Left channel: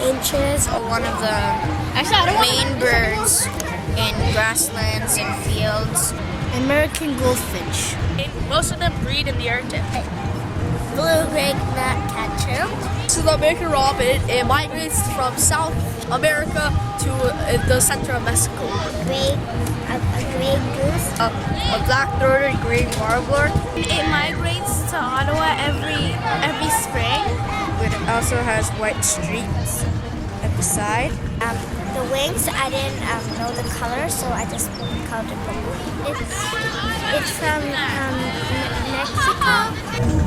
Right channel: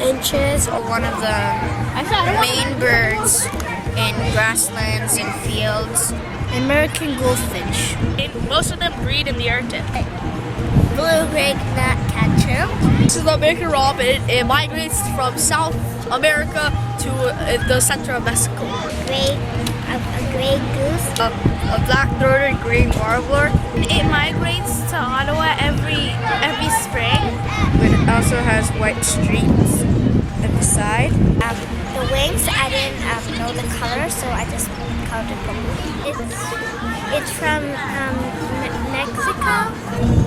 inches, or one of the main birds in grasslands and fields. American goldfinch. Most of them breed in the Arctic. Blue-gray gnatcatcher. This is the American robin. It migrates from South America to the center of Mexico. A gray goose. A black-throated green warbler. It migrates to Ottawa every spring. It also has white streaks at the side. The wings, I didn't know the color, so I just colored it purple. It's from Mexico.